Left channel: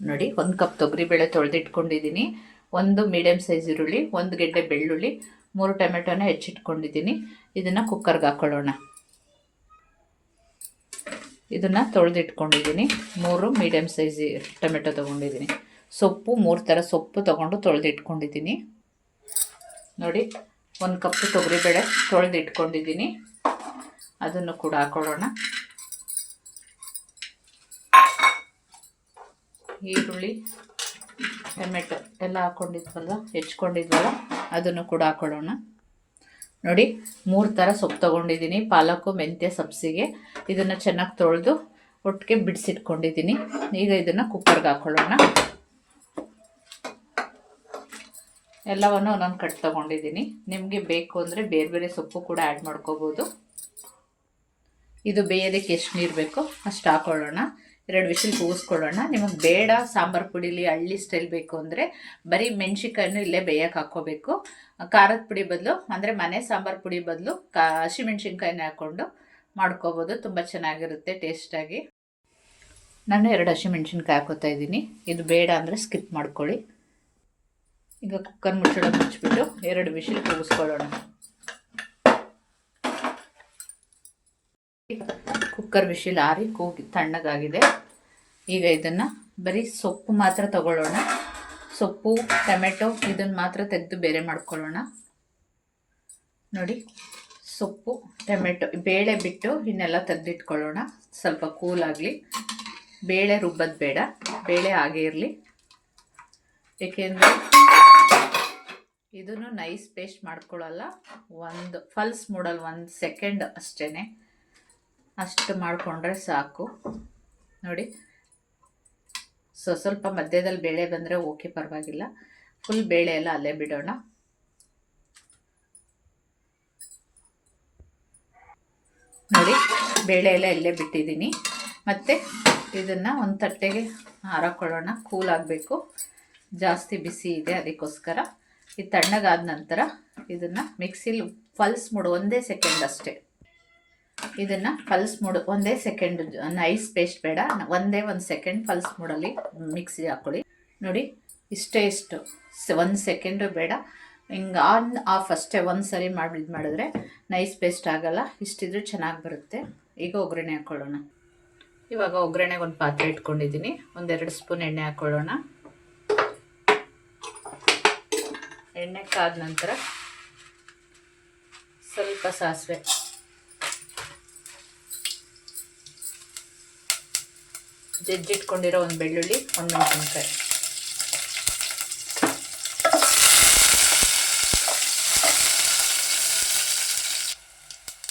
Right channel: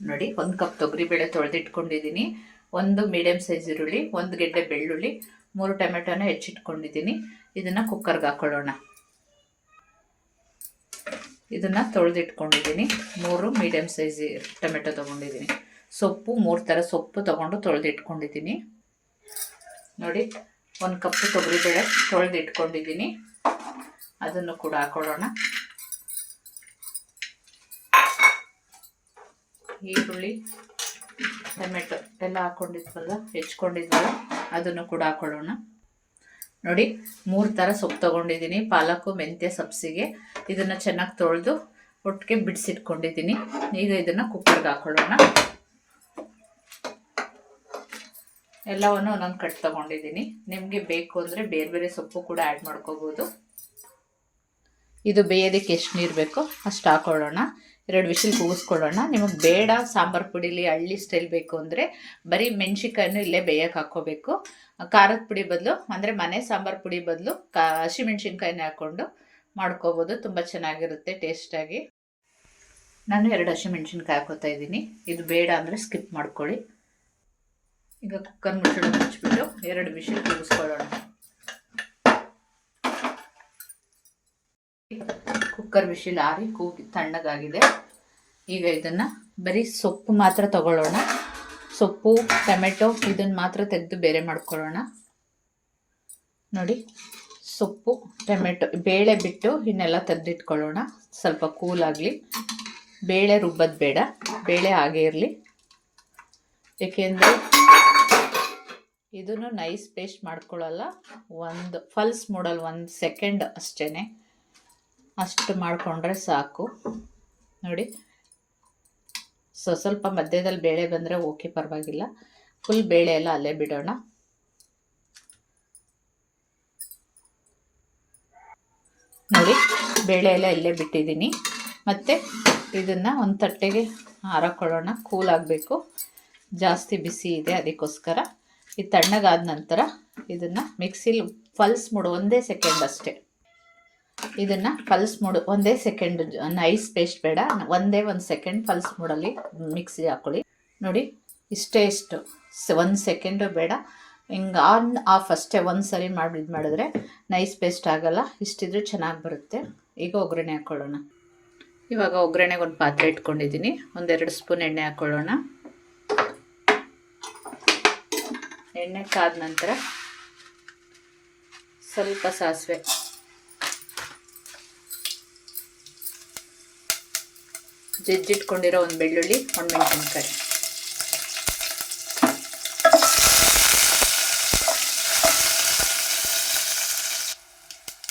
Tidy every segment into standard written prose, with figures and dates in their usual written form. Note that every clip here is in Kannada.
ನೋಡಿ, 1 ಕಪ್ ತೊಗರಿಬೇಳೆ ತೊಳೆದಿಟ್ಕೊಂಡಿದ್ದೀನಿ, 1 ಮೀಡಿಯಮ್ ಸೈಜ್ ಈರುಳ್ಳಿ, 1 ಗೆಡ್ಡೆ ಬೆಳ್ಳುಳ್ಳಿ, 3 ಟೊಮೆಟೊನ ಹೆಚ್ಚಿಟ್ಕೊಂಡಿದ್ದೀನಿ. ಇದನ್ನು ಕುಕ್ಕರ್ಗೆ ಹಾಕ್ಕೊಳ್ಳೋಣ. ಇದನ್ನು ತೊಳೆದಿಟ್ಕೊಂಡಿದ್ದೀನಿ. 3 ಮೀಡಿಯಮ್ ಸೈಜ್ ಟೊಮೆಟೊ ತೊಗೊಂಡಿದ್ದೀನಿ. ಸೊಪ್ಪು 3 ಥರ ಸೊಪ್ಪು ತೊಗೊಂಡು ತೊಳೆದಿಟ್ಕೊಂಡಿದ್ದೀನಿ. ನೋಡಿ, 1 ಕಪ್ ತೊಗರಿಬೇಳೆ ತೊಳೆದಿಟ್ಕೊಂಡಿದ್ದೀನಿ. ಅದನ್ನು ಕೂಡ ಹಾಕ್ಕೊಳ್ಳೋಣ. ಈರುಳ್ಳಿ, ಟೊಮೆಟೊ ಎಲ್ಲ ಹಾಕ್ಕೊಂಡಿದ್ವಲ್ಲ, ಹೆಚ್ಕೊಂಡಿದ್ವಲ್ಲ, ಅದನ್ನು ಕೂಡ ಹಾಕ್ಕೊಳ್ಳೋಣ. ನೋಡಿ, 3 ಥರ ಸೊಪ್ಪು ತೊಗೊಂಡಿದ್ದೀನಿ. ಪಾಲಕು, ಮೆಂತ್ಯ ಸಬ್ಸಿಗೆ. ಇದನ್ನು ಚೆನ್ನಾಗಿ ತೊಳೆದು ಒಟ್ಟಿಗೆ ಬಿಡಿಸಿಟ್ಕೊಂಡಿದ್ದೀನಿ. ಈಗ ಇದನ್ನು ಕುಕ್ಕರ್ಗೆ ಹಾಕ್ಕೊಳ್ಳೋಣ. ಎಲ್ಲವನ್ನು ಒಂದೊಂದು ಕಟ್ ತೊಗೊಂಡಿದ್ದೀನಿ. ನಿಮಗೆ ಬೇಕು ಅಂದರೆ ಬೇರೆ ಬೇರೆ ಸೊಪ್ಪು ಕೂಡ ಆ್ಯಡ್ ಮಾಡ್ಕೋಬೋದು. ಇದು ಬೇಯೋದಕ್ಕೆ ಎಷ್ಟು ನೀರು ಬೇಕೋ ಅಷ್ಟು ಹಾಕ್ಕೊಳ್ಳೋಣ. 2 ವಿಷಲ್ ಕೂಗಿಸ್ಕೊಳ್ಳೋಣ. ನಿಮಗೆ ಬೇಡ ಸಾಂಬಾರು ಪುಡಿಲಿ ಹಳ್ಳಿ ಸ್ಟೈಲ್ ಬೇಕು ಅಂದರೆ ಬರೀ ಮೆಣ್ಸಿನ್ಕಾಯನ್ನು ಇಲ್ಲೇ ಬೇಯಕ್ಕೆ ಹಾಕ್ಕೋಬೇಕು. ಖಾರದ ಪುಡಿ ಬದಲು ಅಂದರೆ ಮನೆ ಸಾಂಬಾರು ಪುಡಿ ಬದಲು ಹಸಿಮೆಣ್ಸಿನ್ಕಾಯಿನ ಹಾಕ್ಕೊಂಡು ಮಾಡ್ಕೋಬೋದು. ತುಂಬ ಚೆನ್ನಾಗಿರುತ್ತೆ ಟೇಸ್ಟಾಗಿ. ನಾನು 2 ಹಸಿಮೆಣ್ಸಿನ್ಕಾಯಿ ಹಾಕೋತಾ ಇದ್ದೀನಿ. ಇದು ಬೇಡ ಅಂದರೆ ಸ್ಕಿಪ್ ಮಾಡ್ಕೊಳ್ಳಿ. ಈಗ ಕುಕ್ಕರ್ ಮುಚ್ಚಿಬಿಟ್ಟು 2 ವಿಷಲ್ ಕೂಗಿಸ್ಕೊಳ್ಳೋಣ. ಕುಕ್ಕರ್ ವಿಷಲ್ ಆರಿ ಕೂಗಿ ತಣ್ಣಗಾಗಿದೆ. ಈಗ ಇದನ್ನು ಬರೀ ಸೊಪ್ಪು ಮಾತ್ರ ತಗೊಳ್ಳೋಣ. ಸೊಪ್ಪು, ಟೊಮೆಟೊ ಇದನ್ನು ಮಾತ್ರ ತೆಗೆದು ಬೇರೆ ಮಾಡ್ಕೊಳ್ಳೋಣ. ನೋಡಿ, ಸೊಪ್ಪು, ಟೊಮೆಟೊ, ಬೇಳೆ ಬಿಟ್ಟು ಇನ್ನೆಲ್ಲ ತೆಗೆದಿಟ್ಕೊಳ್ಳೋಣ. ಸ್ವಲ್ಪ ಕೂಲಾಗಲಿ. ಬೇಳೆ ರುಬ್ಬೋದು ಬೇಡ, ಬೇಳೆ ಹಾಗೇ ಇರಲಿ. ಏಕೆಂದರೆ ಇದನ್ನು ನೈಸ್ ಪೇಸ್ಟ್ ಮಾಡ್ಕೊಳ್ಳಲ್ಲ. ಒಂದು ಫಲ್ಸ್ ಮೂಡಲ್ಲಿ 1 ಸೆಕೆಂಡ್ ಅಷ್ಟೇ, ಅಷ್ಟು ಮಾಡಿಕೊಂಡ್ರೆ ಸಾಕು. ನೋಡಿ, ಸ್ವಲ್ಪ ಮಧ್ಯದಲ್ಲಿ ಬೇಳೆ ಬಂದರೆ ಓಕೆ, ಪರವಾಗಿಲ್ಲ. ಫುಲ್ ಬೇಳೆ ಎಲ್ಲ ಅಲ್ಲೇ ಬಿಡೋಣ. ನೋಡಿ, ಬೇಳೆ ಎಲ್ಲ ಇಲ್ಲೇ ಬಿಟ್ಟಿದ್ದೀನಿ. ಮತ್ತು ಇದನ್ನು ಒಂದು ತಟ್ಟೆಗೆ ಹಾರಾಕೊಳ್ಳೋಣ. ಕೂಲ್ ಆಗಬೇಕು, ಜಾಸ್ತಿ ಬಿಸಿ ಇದೆ, ಅದಕ್ಕೋಸ್ಕರ. ಇದು ತಣ್ಣಗಾದ ನಂತರ ಇದನ್ನು ಮಿಕ್ಸಿಲಿ ಪಲ್ಸ್ ಮೂಡು 1 ಸೆಕೆಂಡ್ ಅಷ್ಟೇ. ಇದನ್ನು ಪಲ್ಸ್ ಮೂಡು 1 ಸೆಕೆಂಡ್, ನೈಸ್ ಪೇಸ್ಟ್ ಬೇಡ, 1 ಸೆಕೆಂಡ್ ಪಲ್ಸ್ ಮೂಡಲ್ಲಿ ಮಿಕ್ಸಿ ಹಾಕ್ಕೊಳ್ಳಿ. ನೋಡಿ, ಇಷ್ಟು 1 ಸೆಕೆಂಡು ಬೇಡ, ಹಿಂಗೆ ಆನ್ ಆಫ್ ಅಷ್ಟೇ. 1 ಸರಿ ಮಾಡಿದ್ರೆ ನೈಸ್ ಪೇಸ್ಟ್ ಆಗೋಲ್ಲ. ಇಷ್ಟಿದ್ರೂ ಚೆನ್ನಾಗಿ ಬರುತ್ತೆ. ಈಗ ಒಗ್ಗರಣೆ ಹಾಕ್ಕೊಳ್ಳೋಣ. ಇವಾಗ ಒಗ್ಗರಣೆಗೆ ಒಂದು ಪಾತ್ರೆ ಇಟ್ಕೊಂಡಿದ್ದೀನಿ. 1-2 ಸ್ಪೂನ್ ಎಣ್ಣೆ ಹಾಕ್ಕೊಳ್ಳೋಣ. ಎಣ್ಣೆ ಕಾದ ನಂತರ ಸ್ವಲ್ಪ ಸಾಸಿವೆ, ಜಜ್ಜಿಟ್ಕೊಂಡಿರೋ 1 ಬೆಳ್ಳುಳ್ಳಿ, 1 ಮೆಣಸಿನ್ಕಾಯಿ.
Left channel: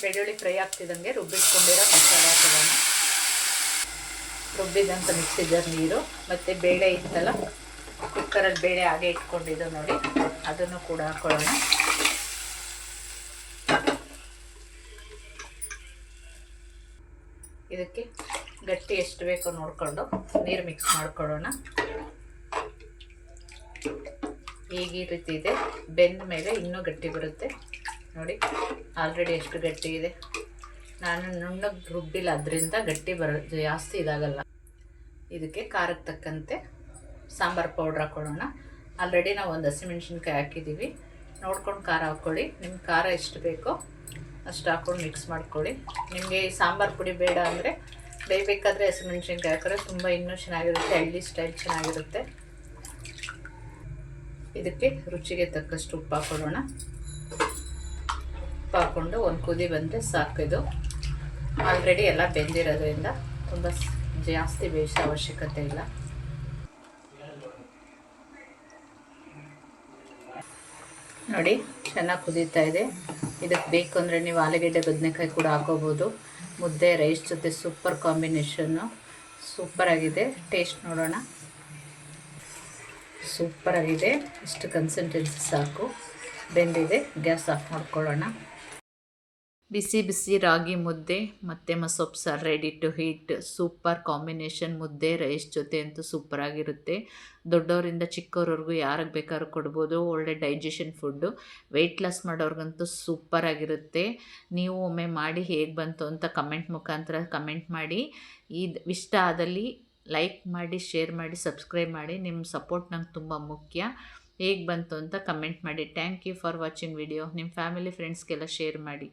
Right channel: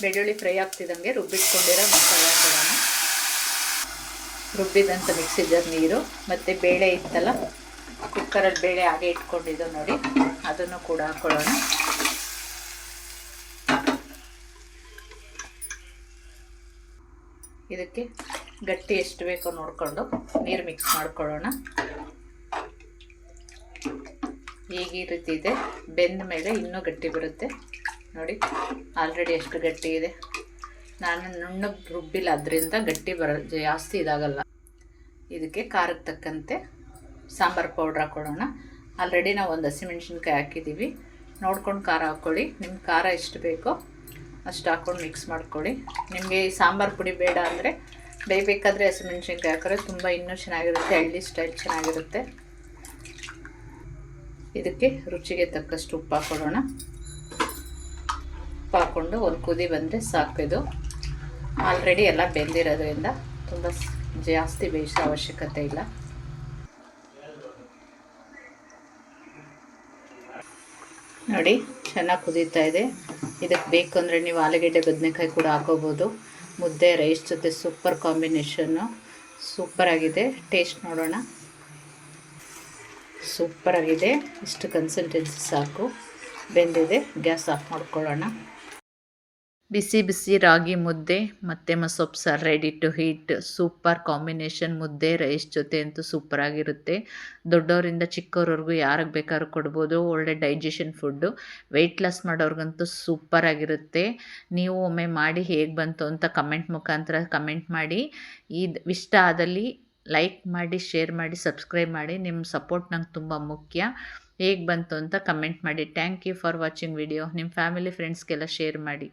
ಬೆಳ್ಳುಳ್ಳಿ ಫ್ರೈ ಆಗ್ತಿದ್ದಂಗೆ ರುಬ್ಬಿಟ್ಕೊಂಡಿರೋ ಮಸಾಲೆ ಹಾಕೋಣ. ರುಬ್ಬಿದಂಥ ಮಿಕ್ಸಿ ಜಾರ್ ನೀರು ಮತ್ತು ಬೇಳೆ ಇತ್ತಲ್ಲ, ಕುಕ್ಕರಲ್ಲಿ ಬೇಳೆ ಹಾಗೆ ಇಟ್ಕೊಂಡಿದ್ದು ನೋಡಿ, ಅದನ್ನು ಕೂಡ ಹಾಕ್ಕೊಳ್ಳೋಣ. ಇದಕ್ಕೆ ಗಟ್ಟಿ ಎಷ್ಟು ಬೇಕೋ ನೋಡಿಕೊಂಡು ನೀರು ಮಿಕ್ಸ್ ಮಾಡ್ಕೊಳ್ಳೋಣ. ಈಗ ಈ ರೀತಿ ಇದೆ. ಬೆಂದ ಮೇಲೆ ಇನ್ನೂ ಗಟ್ಟಿ ಬರುತ್ತೆ. ನೋಡಿ, ಆಲ್ರೆಡಿ ಎಷ್ಟು ಗಟ್ಟಿ ಇದೆ. ನಾನು ನುಣ್ಣಗೆ ರುಬ್ಬಿಲ್ಲ, ಅದರಿಂದ ಗಟ್ಟಿ ಜಾಸ್ತಿ ಇದಾಗಲ್ಲ. ಇದಕ್ಕೆ ಖಾರಕ್ಕೆ ತಕ್ಕಂತೆ ಸಾಂಬಾರು ಪೌಡ್ರ್ ಹಾಕ್ಕೊಳ್ಳೋಣ. ಆಲ್ರೆಡಿ ನಾವು 1 ಹಸಿಮೆಣ್ಸಿನ್ಕಾಯಿ ಹಾಕಿದ್ದೀವಿ. ನೋಡ್ಕೊಂಡು ಖಾರ ಹಾಕ್ಕೊಳ್ಳಿ. ನಿಮ್ಗೆ ಖಾರ ಎಷ್ಟು ಬೇಕೋ ಅಷ್ಟು ಹಾಕ್ಕೊಂಡು ಮಿಕ್ಸ್ ಮಾಡ್ಕೊಳ್ಳಿ. ನಿಮಗೆ ಈ ಸಾಂಬಾರು ಪುಡಿ ಬೇಡ ಅಂದರೆ ಬೇಯಬೇಕಾದ್ರೆ ಹಸಿಮೆಣ್ಸಿನ್ಕಾಯಿ ಹಾಕಿದ್ರೆ ತುಂಬ ಇನ್ನೂ ಚೆನ್ನಾಗಿರುತ್ತೆ, ಹಳ್ಳಿ ಸ್ಟೈಲ್ ಚೆನ್ನಾಗಿರುತ್ತೆ. ಇದಕ್ಕೆ ರುಚಿಗೆ ತಕ್ಕಷ್ಟು ಉಪ್ಪು ಹಾಕ್ಕೊಳ್ಳೋಣ. ಉಪ್ಪು ಹಾಕ್ಕೊಂಡು 1 ಕುದಿ ಬಂದರೆ ಸಾಕಿದು. ಆಲ್ರೆಡಿ ಎಲ್ಲ ಬೆಂದಿರೋದ್ರಿಂದ ತುಂಬ ಜಾಸ್ತಿ ಬೇಯಿಸೋ ಅವಶ್ಯಕತೆ ಇಲ್ಲ. ನೋಡಿ, ಚೆನ್ನಾಗಿ ಕುದೀತಾ ಇದೆ. ಇದಕ್ಕೆ ಬೇಕು ಅಂದರೆ ನೀವು ಆಲೂಗೆಡ್ಡೆ ಬದನೆಕಾಯಿ ಕೂಡ ಹಾಕೋಬೋದು. ಮುದ್ದೆ, ರೈಸ್ ಜೊತೆ ಸೂಪರ್ ಕಾಂಬಿನೇಷನ್ನು, ಸೂಪರಾಗಿದೆ. ಟೇಸ್ಟ್ ನೋಡೋಣ. ಸೂಪರಾಗಿದೆ. ಇಷ್ಟು ಕನ್ಸಿಸ್ಟೆನ್ಸಿ ಸಾಕು. ಬೆಂದಿದೆ. ಗ್ಯಾಸ್ ಆಫ್ ಮಾಡ್ಕೊಳ್ಳೋಣ. ಬಿಸಿ ಬಿಸಿ ರಾಗಿ ಮುದ್ದೆ ಮತ್ತು ಮಸೊಪ್ಪು ಸಾರು ready to heat. Super combination. ಮುದ್ದೆ ರೈಸ್ ಜೊತೆ ಅಂತೂ ಸೂಪರಾಗಿರುತ್ತೆ. ದೊಡ್ಡವರಿಂದ ಚಿಕ್ಕವ್ರವರೆಗೂ ಯಾರಿಗೆ ಬೇಕಾದ್ರೂ ಕೊಡ್ಬೋದು. ಒಳ್ಳೆ ಡೈಜೆಷನ್ ಫುಡ್ಡು. ವೆಯ್ಟ್ ಲಾಸ್ ಮಾಡೋರ್ಗಂತೂ ಸೂಪರಾಗಿರುತ್ತೆ. ನೀವು ಒಮ್ಮೆ ಮಾಡಿ ಹೇಗೆ ಬಂತು ಅಂತ ಕಮೆಂಟ್ ಮುಖಾಂತರ ಕಮೆಂಟ್ ಮಾಡಿ. ಇದು ಇಷ್ಟ ಆದಲ್ಲಿ ಲೈಕ್ ಮಾಡಿ, ಶೇರ್ ಮಾಡಿ, ಸಬ್ಸ್ಕ್ರೈಬ್ ಮಾಡಿ. ನಿಮ್ಮ ಸಪೋರ್ಟ್ ನಂಗೆ ತುಂಬ ಮುಖ್ಯ. ಹೇಗೆ ಬಂತು ಅಂತ ಕಮೆಂಟ್ ಮಾಡಿ. Thank you for watching video. ನಿಮ್ಮ ಫ್ಯಾಮಿಲಿ ಫ್ರೆಂಡ್ಸ್ಗೆಲ್ಲ ಶೇರ್ ಮಾಡಿ.